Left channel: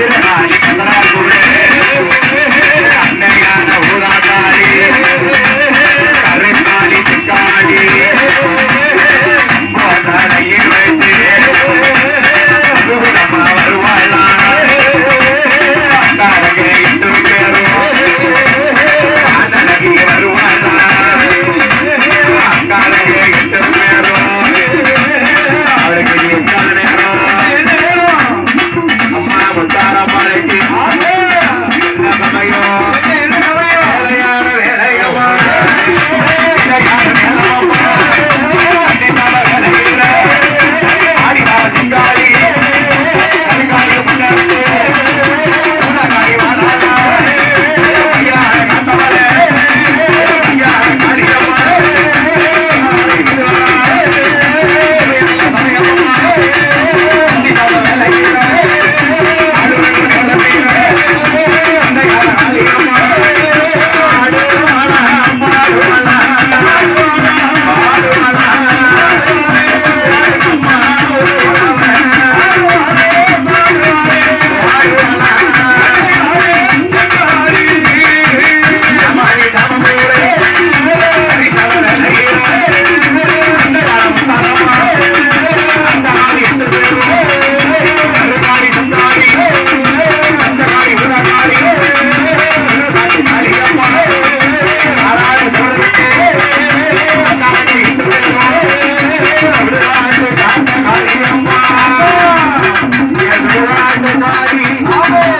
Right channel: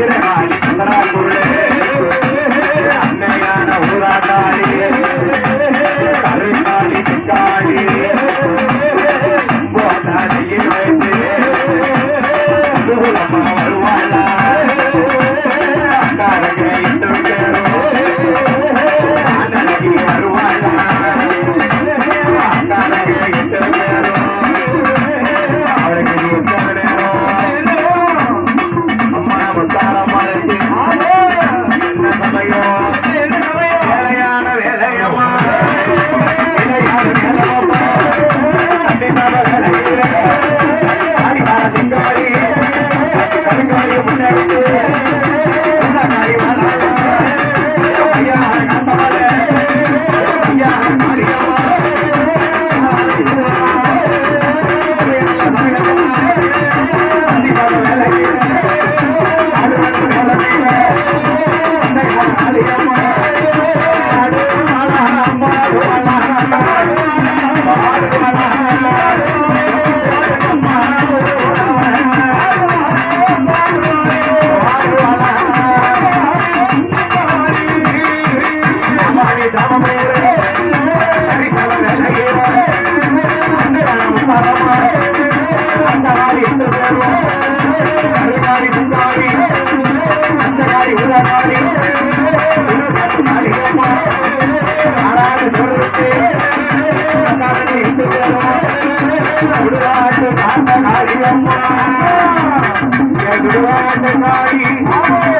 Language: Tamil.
கரையில தீர்த்தமாடி சாரி.